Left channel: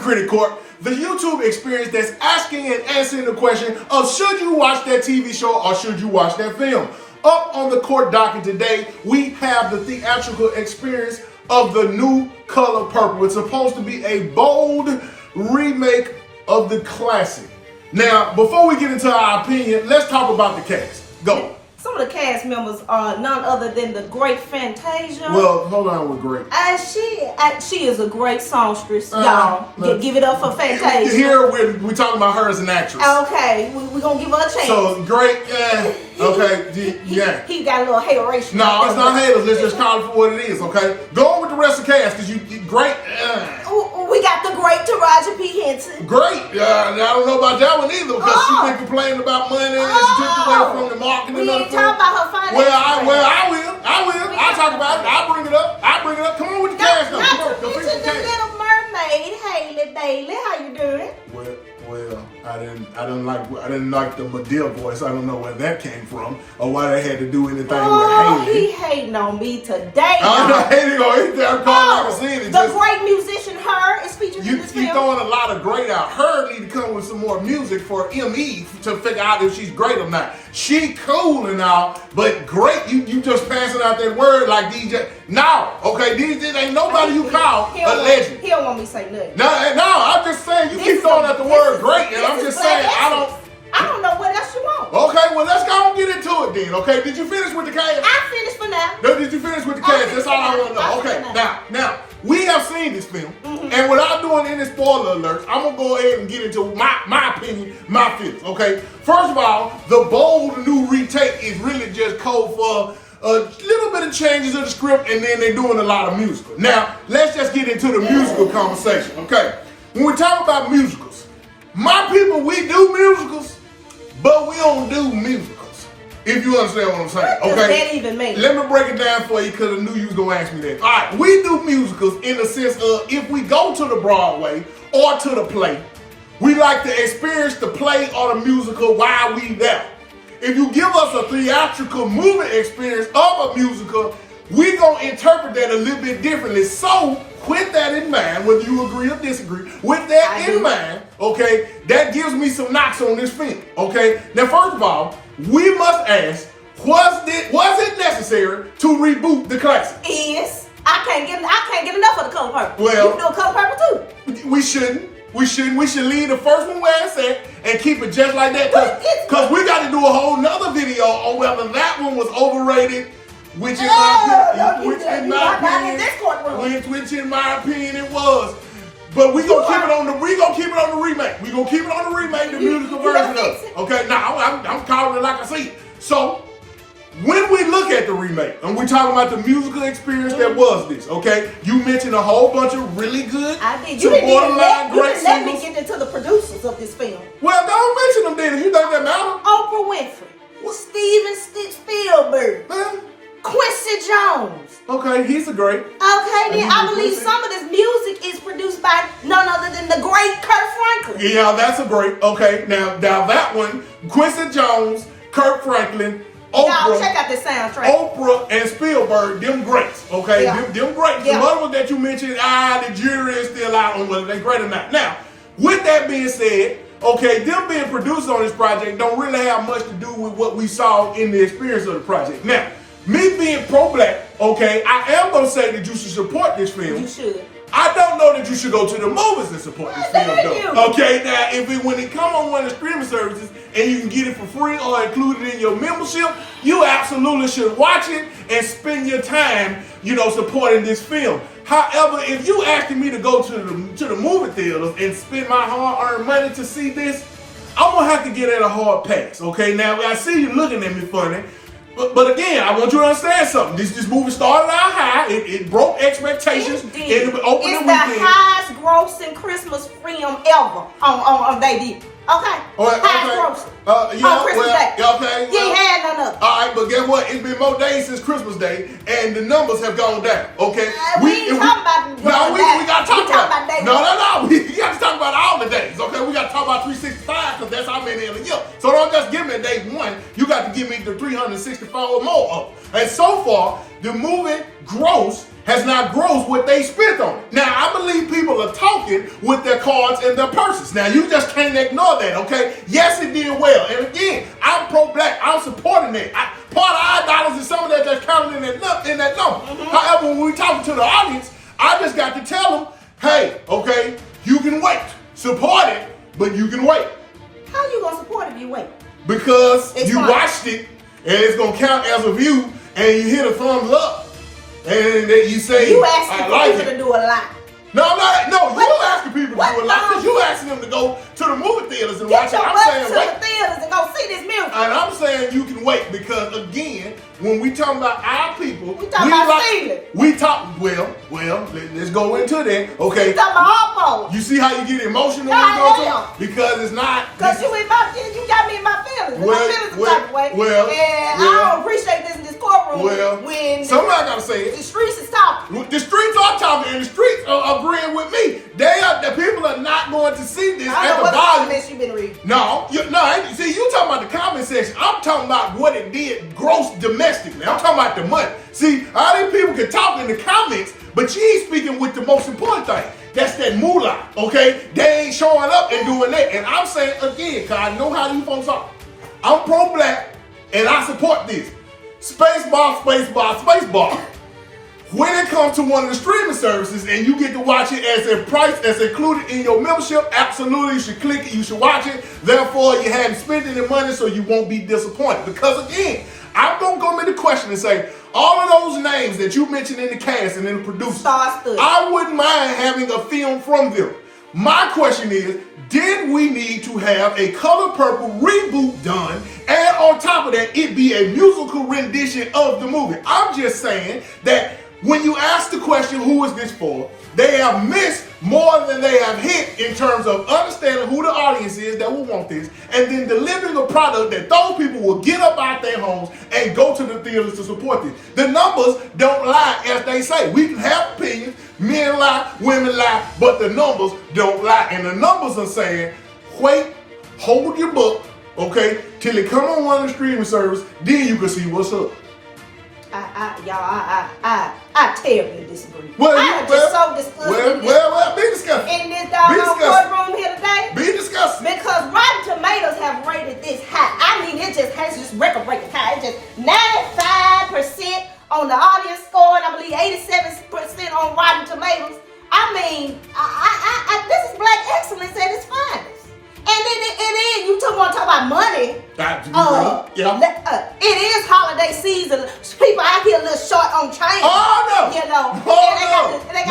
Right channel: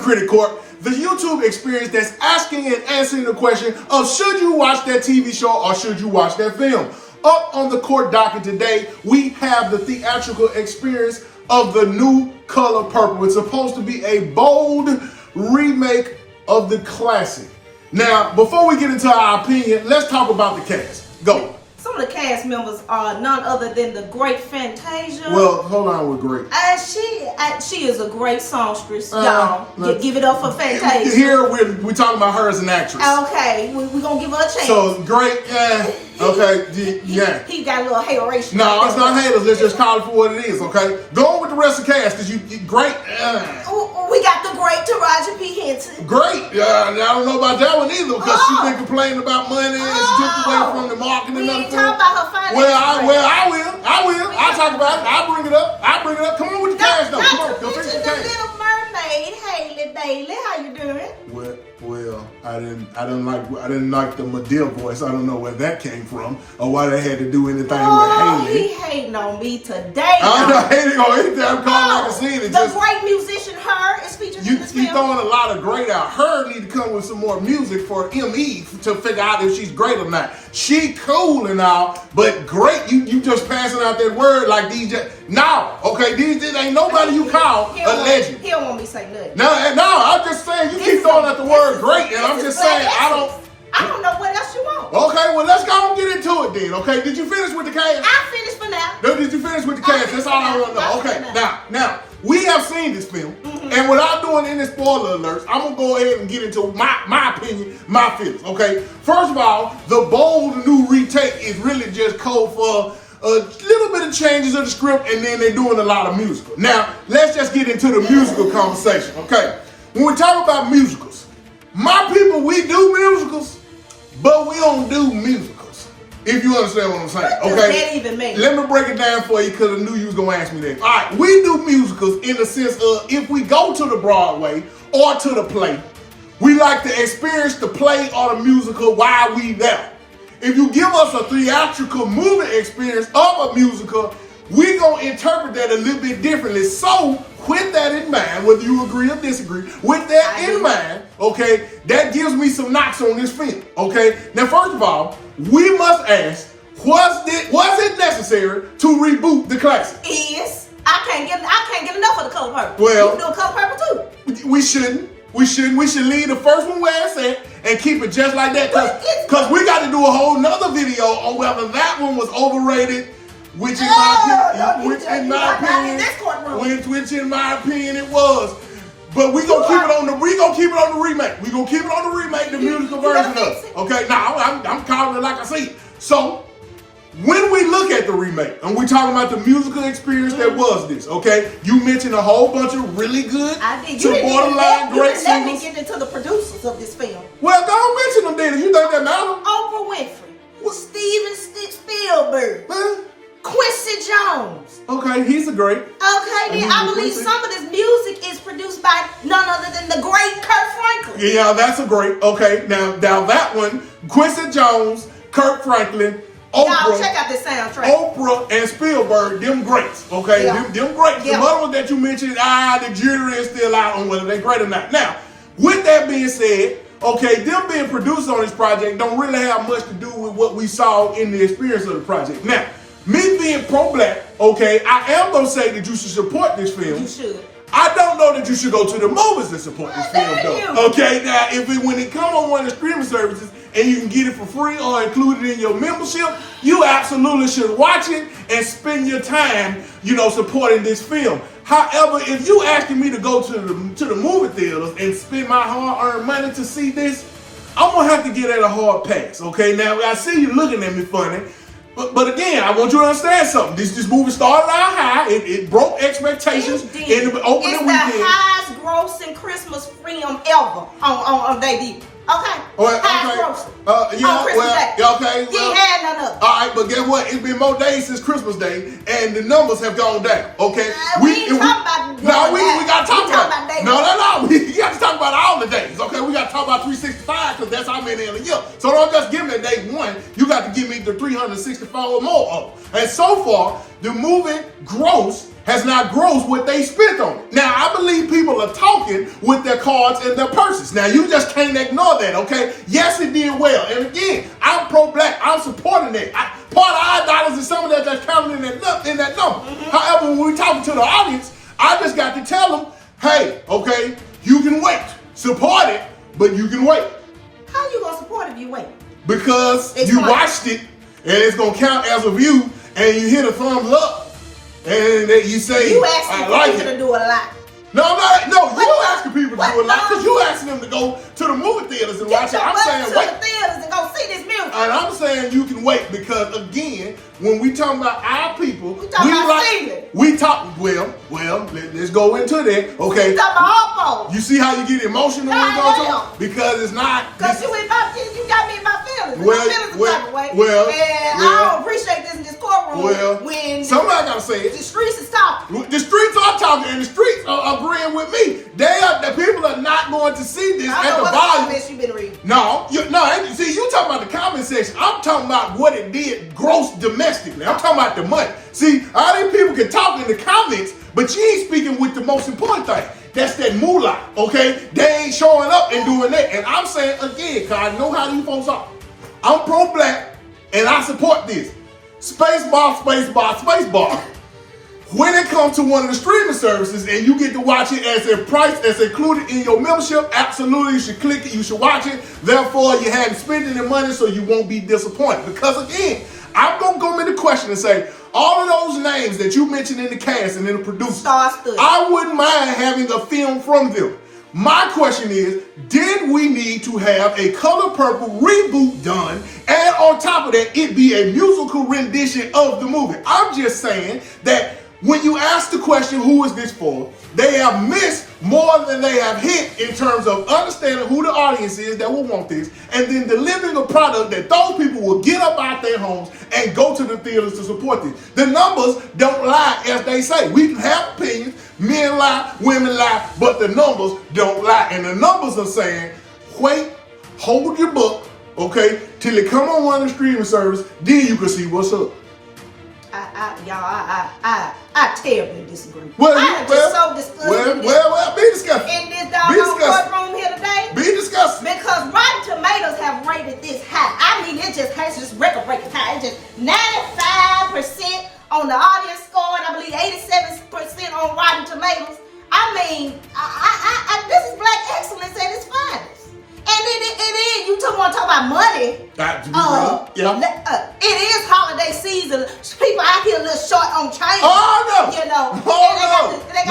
Critic Court, the YouTube experience that's asking and answering the question of should you watch that TV show or should you watch that film. Up on the court docket today, we have the theatrical experience of The New Color Purple. It's supposed to be a bold remake of the classic. Now, before we get into our opinion, let's talk about the cast. Go. Some of the cast members are none other than the great Fantasia. Well, hold on with great. She is a great songstress, y'all. Give it up for Fantasia. Here we're talking about her as an actress. Okay, we're going to give her a chance. So, great, okay, yeah. He got a little hateration. No, it's not haters. Let's just call it for what it is, okay? Go on with the rest of the cast, because you great. We got the great Taraji P. Henson. Great. I don't know about that one either, because she's been complaining about money and she took away from the marketing and other talk about her finances. I will. I'll talk about it. I'll bring it up. Come on with the cast, though. Come on, go fix the Little Mermaid, Haley Bailey. How you doing? Well, I didn't like the Madea voice. I don't know where that came from or why they had to do anything with Haley. He hating on me today. I'm not hating on anything. I'm calling like I seen it. The great musician Her is featured in this film. You throwing a lot of great out. Her need to come with some more music for ME to figure out if she's great or not. She cool and all, but great. You just passing out that word like DJ. No, okay, this ain't nobody you call a legend. He don't want me to say nothing. No, I'm just saying you keep throwing out the word great, and I'm just saying I don't know what else you want. Okay, well let's go and get into it then. Okay, did you finish with the cast? I finished for now. No, did you finish with the cast? That's all I want to know. Okay, now we have seen this film, and without doing any spoiler alerts, I'm gonna go ahead and get into my opinion, my feelings. Okay, first of all, the bold new retake is really just code for a little bit of changes of the script, and then they're doing a lot of musical. Now, let's just get into the musical conversation, okay? When we talk about musicals, my people, we do musicals, but we don't do musicals, if you understand what I'm saying, okay? What does that even mean? Let me break it down for you, because I knew you was going to ask me that. All right, we do musicals in the sense of if we go to the Broadway or to the play, we like to experience the play or the musical while we there. If you give us a theatrical movie experience of a musical, we gonna interpret that a little bit differently. So, with that in mind, whether you agree or disagree, with that in mind, okay, that gives me some knocks on this film, okay? Now, first of all, we must ask, was it necessary to reboot the classic? Yes. I can't get enough of the Color Purple. Well, you can do a Color Purple too. We shouldn't. We should leave the first one where it's at and keep it just like that. Because we got to do a whole nother video on whether that one was overrated, which in my opinion it was. But we gonna keep it on the remake. We gonna keep it on the remake, the musical version of it. Okay, now I'm calling it like I see it. So when we look at the remake and we're talking about the musical experience that was this, okay? You mentioned a whole bunch of really good to borderline great singles. Let me get into the producers of this film. Well, don't mention them then if you think that matters. Oprah Winfrey, Steven Spielberg, Quincy Jones. Okay, he's a great. Okay, then I believe some of this music is produced by none other than the great Kirk Franklin. Yeah, that's a great. Okay, now that one, Quincy Jones, Kirk Franklin, Oprah, y'all check out this soundtrack. Oprah and Spielberg, them greats, okay? Yeah. Them greats. Yeah. The other one that you mentioned, the jury is still out on whether they're great or not. Now, with that being said, okay, them being produced on this project don't really have much to do with what we saw in the experience of the project. Now, me being pro-black, okay, I am going to say that you should support this film. You should. I don't know that you should go to the movies to support this film, though. Okay, now, when it comes on one of the streaming services and you can get it for free or included in your membership, you absolutely should watch it and spend your time, supporting this film. However, if you asking me to go to the movie theaters and spend my hard-earned money to see this, I'm going to have to get at a hard pass, okay? Now, I see you looking at me funny. But again, I want you to understand something. This movie started out high. It broke expectations in the opening weekend. It's the highest grossing Christmas film ever on baby. Okay. Highest grossing. On Christmas Day. Okay. You ain't had none of it. All right, but guess what? It's been more days since Christmas Day, and the numbers have gone down. Okay. We ain't talking about. No, we got to talk about that. No. We got to talk about all the days. Okay. We got to talk about 365 because that's how many in a year. So don't just give me day one. You got to give me the 364 or more of. And so far, the movie gross has not grossed what they spent on it. Now, I believe people are talking with their cards and their purses. Now, you just can't ignore that, okay? Yes, it did well. And again, I'm pro-black. I'm supporting that. Part of our dollars is some of that that's counted in that number. However, when we're talking to the audience, I just got to tell them, hey, okay, you can wait. Support it, but you can wait. How you gonna support if you wait? Because you watched it, and it's gonna count as a view, and you hit a thumbs up, and then you say, you asking people to do a lot. No, I'm not. No, you're asking people to do a lot because you asking them to go to the movie theaters and watch it. I'm saying wait. To the theaters and go see this music. And I'm saying you can wait because again, when we talking about our people, we talking about feeling. We talk. Well, let's go into that. Okay. We talking about all folks. You see how you get emotional when you go to because it's not. Because you got me in my feelings. Well, I don't appreciate this in this courtroom. When somebody gotta say it. The streets is talking. The streets are talking, and the streets are agreeing with me. The people are not going to see this at the volume. You been reading. No. See, you talking about the comment section. I'm talking about what it did gross domestically. I'm talking about the money. See, all these people can talk in the comments, but you ain't speaking with the most important thing. That's that moolah, okay? They ain't showing up and doing that. And I'm saying again, because I know how these folks are. I'm pro-black, and I support this. Spacebar, spacebar, spacebar. When it comes to one of the streaming services and you get to watch it as a price that's included in your membership, absolutely you should click it, you should watch it. Therefore, you haven't spent any money so you won't be disappointed. Because again, I'm going to go into the question and say, all of those names that you mentioned in the cast and in the producer, I wouldn't mind having a film from them. My question is, did we need to have a Color Purple reboot done and on top of that, it be a musical rendition of the movie? I'm just saying that when you ask the question, who is this for? They have missed more than they have hit in terms of understanding who the audience is that will want this and then delivering a product that those people will get up out their homes and go to the theaters to support this. The numbers don't lie, as they say. We can have opinions, men lie, women lie, but the numbers don't lie. And the numbers are saying, wait, hold your book, okay, till it come on one of the streaming services, then you can see what's up. I terribly disagree. Well, I am just so disgusted. Be disgusted. In this doggone courtroom here today. Be disgusted. Because Rotten Tomatoes have rated this high. I mean, it just has just record-breaking high. It's just 95% on the audience score, and I believe 87% on Rotten Tomatoes. I mean, this is black excellence at its finest. And then you want to talk about money. It is holiday season. People out here a little short on change. Oh, no. You know. They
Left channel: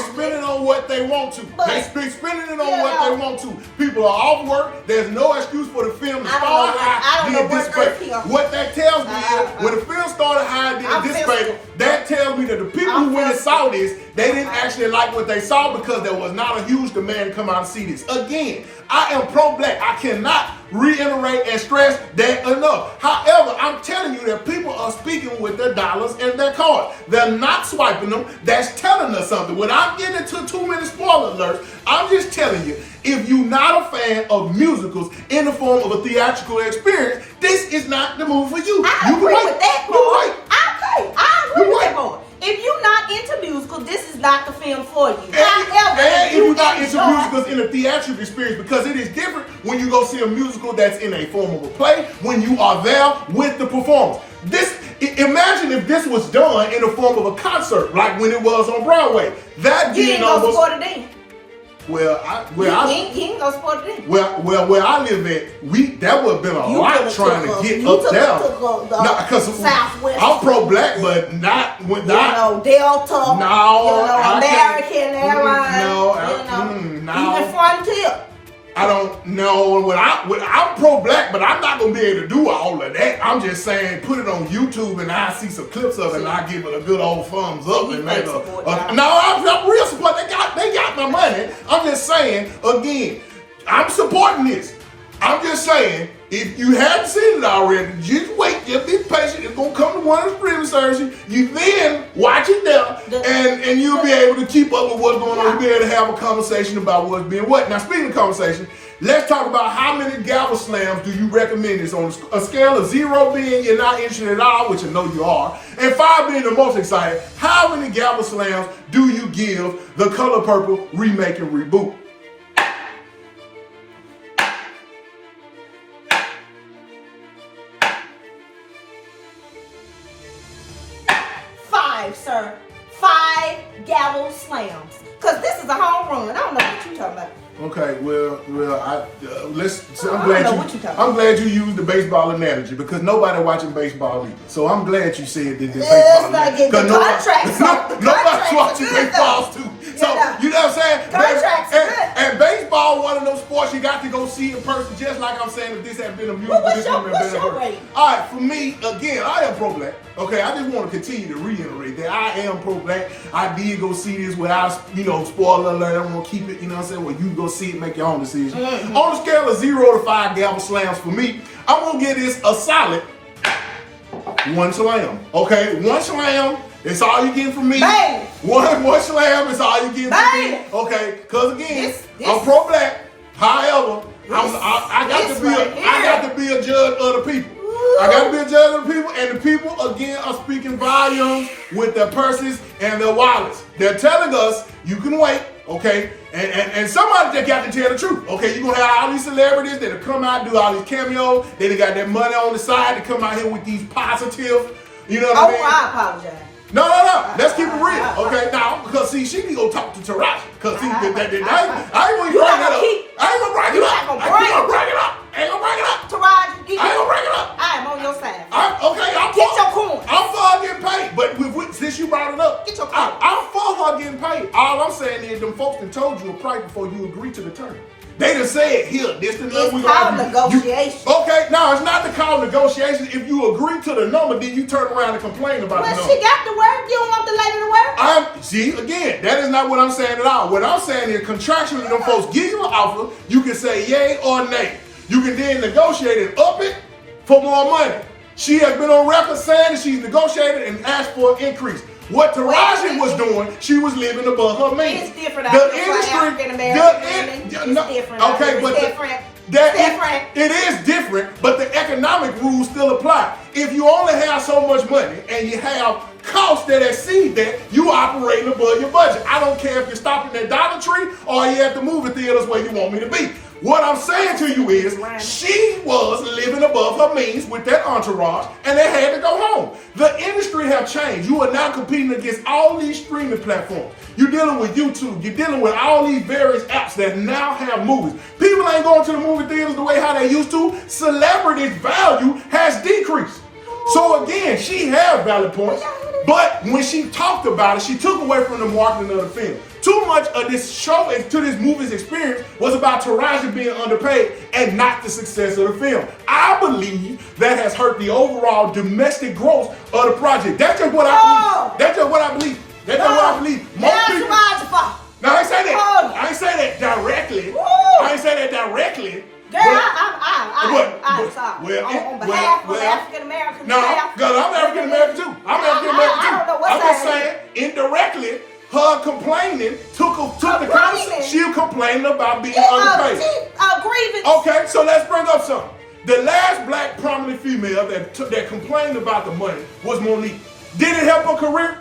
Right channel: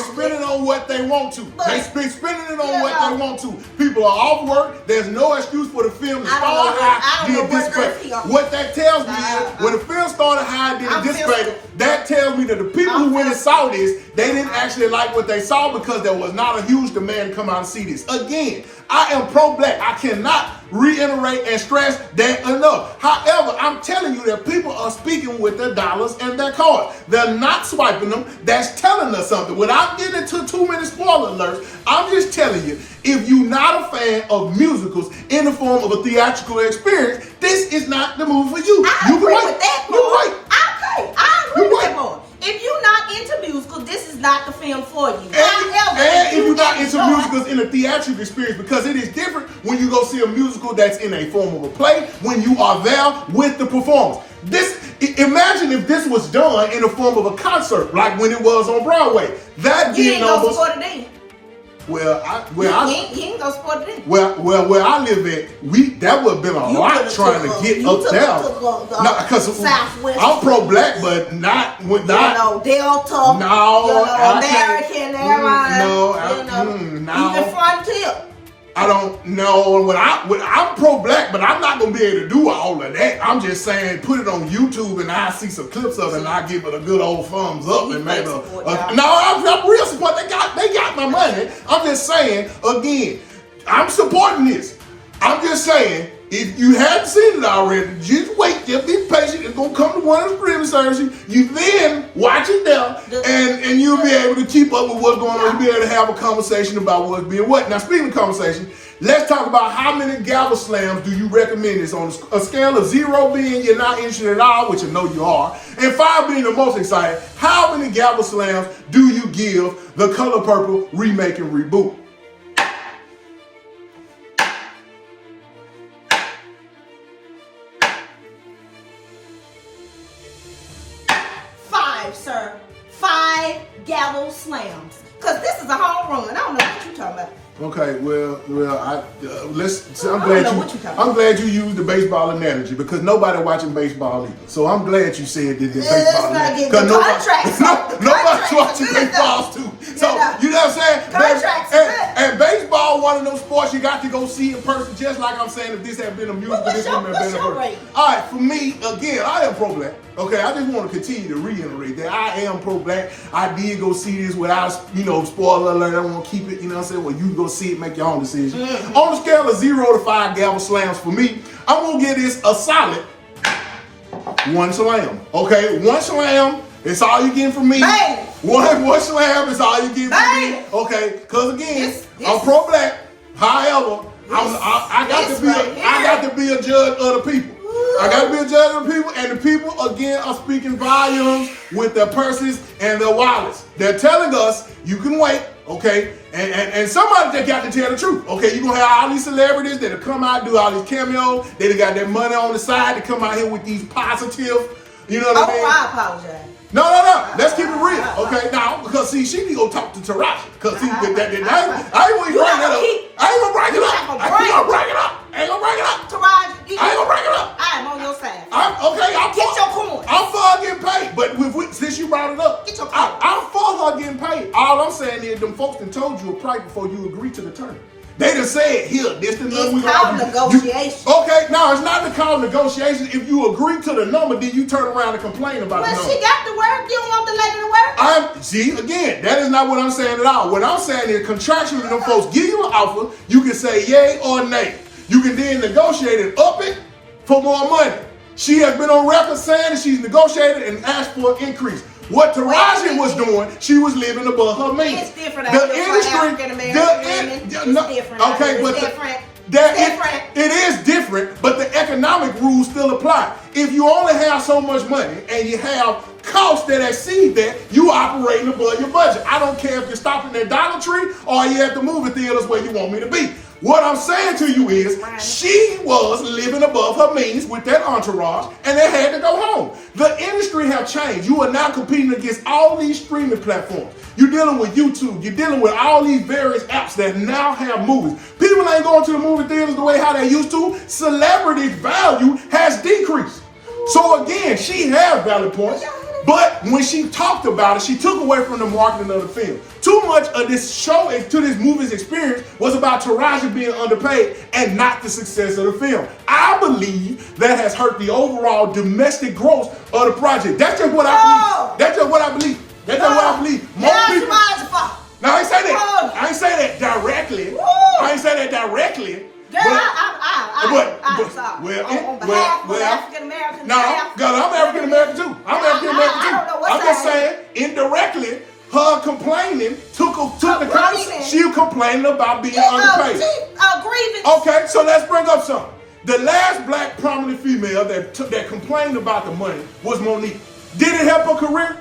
spend it on what they want to. They spending it on what they want to. People are off work. There's no excuse for the film to start high, then dissipate. What that tells me is, when the film started high, then it dissipated, that tells me that the people who went and saw this, they didn't actually like what they saw because there was not a huge demand to come out and see this. Again, I am pro-black. I cannot reiterate and stress that enough. However, I'm telling you that people are speaking with their dollars and their cards. They're not swiping them. That's telling us something. Without getting into too many spoiler alerts, I'm just telling you, if you're not a fan of musicals in the form of a theatrical experience, this is not the movie for you. I agree with that part. I agree with that part. If you're not into musicals, this is not the film for you. And if you're not into musicals in a theatrical experience, because it is different when you go see a musical that's in a form of a play, when you are there with the performance. Imagine if this was done in the form of a concert, like when it was on Broadway. That you ain't gonna support it then. You ain't gonna support it then. Where I live at, that would have been a lot trying to get up there. Because I'm pro-black, but not Delta. No, American Airlines. Even Frontier. I don't know. I'm pro-black, but I'm not gonna be able to do all of that. I'm just saying, put it on YouTube and I see some clips of it and I give it a good old thumbs up and maybe I'm real support. They got my money. I'm just saying, again, I'm supporting this. I'm just saying, if you haven't seen it already, just wait, just be patient. It's gonna come to one of the streaming services. You then watch it there, and you'll be able to keep up with what's going on. You'll be able to have a conversation about what's being what. Now, speaking of conversation, let's talk about how many gavel slams do you recommend this on a scale of 0 being you're not interested at all, which I know you are, and 5 being the most excited. How many gavel slams do you give The Color Purple remake and reboot? 5, sir. 5 gavel slams. Because this is a home run. I don't know what you're talking about. Okay, I'm glad you used the baseball analogy because nobody watching baseball either. So I'm glad you said that the baseball analogy. Because nobody's watching baseball too. So you know what I'm saying? And baseball, one of those sports you got to go see in person. Just like I'm saying, if this had been a musical, this wouldn't have been a person. All right, for me, again, I am pro-black. Okay, I just want to continue to reiterate that I am pro-black. I did go see this without, spoiler alert. I want to keep it, you know what I'm saying? Well, you go see it, make your own decision. Mm-hmm. On a scale of 0 to 5 gavel slams for me, I'm going to give this a solid 1 slam. Okay, 1 slam, it's all you getting from me. Bang. One slam is all you getting from me. Okay, because again, I'm pro-black. However, I got to be a judge of the people. I got to be a judge of the people, and the people, again, are speaking volumes with their purses and their wallets. They're telling us, you can wait, okay? And somebody just got to tell the truth, okay? You're going to have all these celebrities that have come out and do all these cameos. They got that money on the side to come out here with these positive, you know what I mean? I apologize. No. Let's keep it real, okay? Now, because see, she can go talk to Taraji. Because see, I ain't going to bring it up. I ain't going to bring it up. I ain't going to bring it up. Taraji, I ain't going to bring it up. I am on your side. Get your coins. I'm for her getting paid. But since you brought it up, get your coins. I'm for her getting paid. All I'm saying is them folks done told you a price before you agree to the term. They done said, here, this the number we called negotiation. Okay, now it's not the call negotiation. If you agree to the number, then you turn around and complain about the number. Well, she got to work. You don't want the lady to work? See, again, that is not what I'm saying at all. What I'm saying is contractually, them folks give you an offer. You can say yay or nay. You can then negotiate and up it for more money. She has been on record saying that she's negotiated and asked for an increase. What Taraji was doing, she was living above her means. It's different out there for African American women. It's different. Okay, but it is different, but the economic rules still apply. If you only have so much money and you have costs that exceed that, you operating above your budget. I don't care if you're stopping at Dollar Tree or you're at the movie theaters where you want me to be. What I'm saying to you is, she was living above her means with that entourage, and they had to go home. The industry have changed. You are now competing against all these streaming platforms. You're dealing with YouTube. You're dealing with all these various apps that now have movies. People ain't going to the movie theaters the way how they used to. Celebrity value has decreased. So again, she has valid points. But when she talked about it, she took away from the marketing of the film. Too much of this show, to this movie's experience, was about Taraji being underpaid and not the success of the film. I believe that has hurt the overall domestic growth of the project. That's just what I believe. That's just what I believe. That's just what I believe. Most people. Now, I ain't say that. I ain't say that directly. I ain't say that directly. Girl, I'm sorry. On behalf of African Americans. No, girl, I'm African American too. I'm African American too. I don't know what I'm just saying, indirectly, her complaining took the conversation. She was complaining about being underpaid. Grievance. Okay, so let's bring up something. The last black prominent female that complained about the money was Monique. Did it help her career?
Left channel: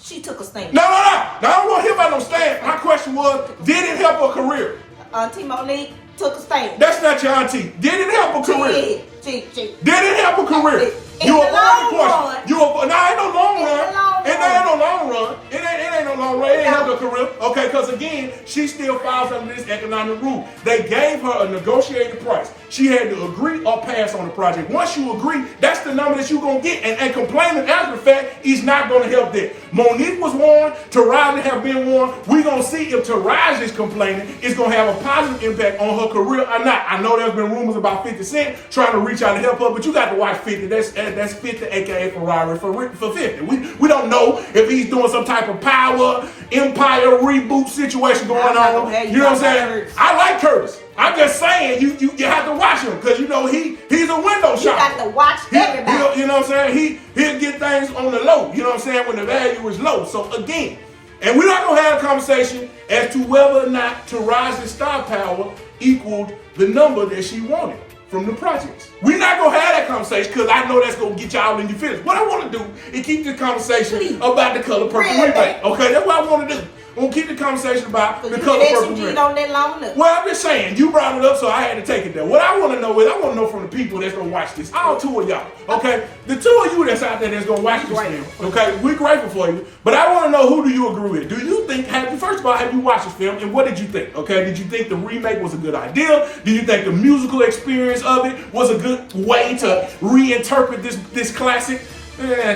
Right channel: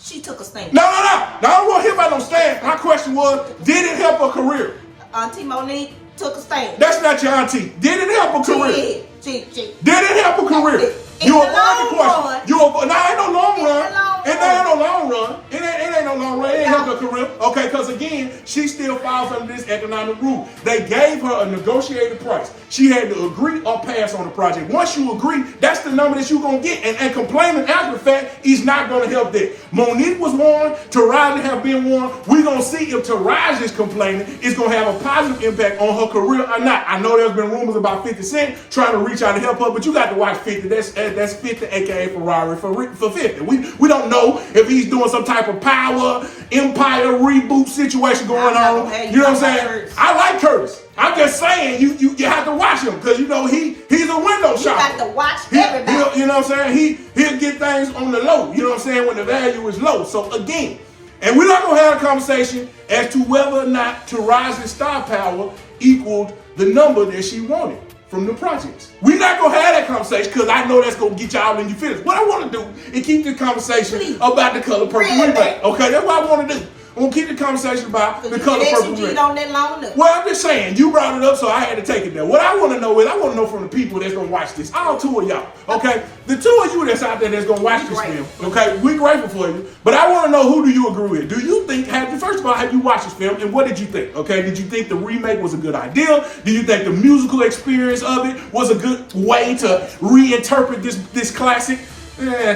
She took a stand. No. I don't want to hear about no stand. My question was, did it help her career? Auntie Monique took a stand. That's not your auntie. Did it help her career? Did it help her career? You avoid the question. Ain't no long run. It ain't no long run. It ain't no long run. It ain't help her career. Okay, because again, she still falls under this economic rule. They gave her a negotiated price. She had to agree or pass on the project. Once you agree, that's the number that you're going to get. And complaining after the fact is not going to help that. Monique was warned. Taraji have been warned. We're going to see if Taraji is complaining. It's going to have a positive impact on her career or not. I know there's been rumors about 50 Cent trying to reach out to help her, but you got to watch 50. That's said that's 50, aka Ferrari for 50. We don't know if he's doing some type of power empire reboot situation going on. You know what I'm saying? I like Curtis. I'm just saying you have to watch him because you know he's a window shopper. You got to watch everybody. You know what I'm saying? He'll get things on the low. You know what I'm saying? When the value is low. So again, and we're not gonna have a conversation as to whether or not Taraji's star power equaled the number that she wanted from the projects. We're not gonna have that conversation because I know that's gonna get y'all in your feelings. What I want to do is keep the conversation about the Color Purple remake. Okay, that's what I want to do. I'm gonna keep the conversation about the Color Purple remake. Well, I'm just saying, you brought it up, so I had to take it there. What I want to know is, I want to know from the people that's gonna watch this, all two of y'all, okay? The two of you that's out there that's gonna watch this film, okay? We're grateful for you, but I want to know, who do you agree with? Do you think, first of all, have you watched this film, and what did you think, okay? Did you think the remake was a good idea? Do you think the musical experience of it was a good way to reinterpret this classic?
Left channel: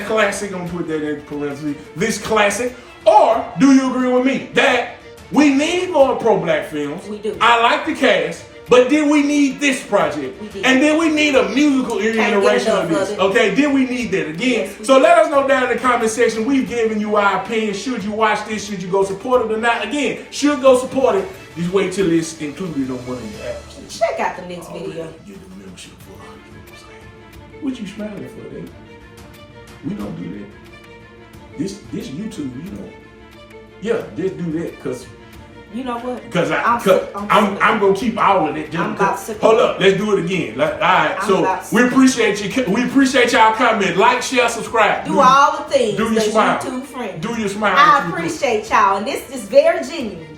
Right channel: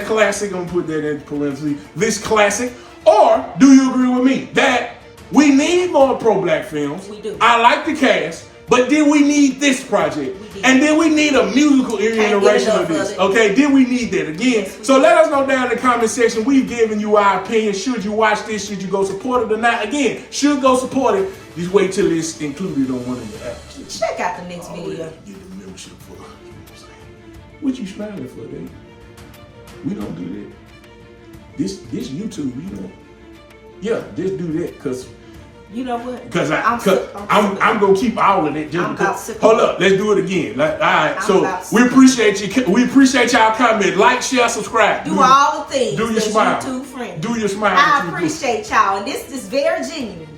Classic, I'm gonna put that in parentheses, this classic. Or do you agree with me that we need more pro-black films? We do. I like the cast, but then we need this project. And then we need a musical iteration of this. Okay, then we need that again. So let us know down in the comment section. We've given you our opinion. Should you watch this? Should you go support it or not? Again, should go support it. Just wait till it's included on one of your apps. Check out the next video. Get the milkshake for, you know what I'm saying? What you smiling for, eh? We don't do that. This YouTube, you know, just do that, cause you know what? Cause I'm gonna keep all of it. Hold up, let's do it again. All right, so we appreciate you. We appreciate y'all comment, like, share, subscribe. Do all the things. Do your smile. YouTube friend. Do your smile. I appreciate y'all, and this is very genuine.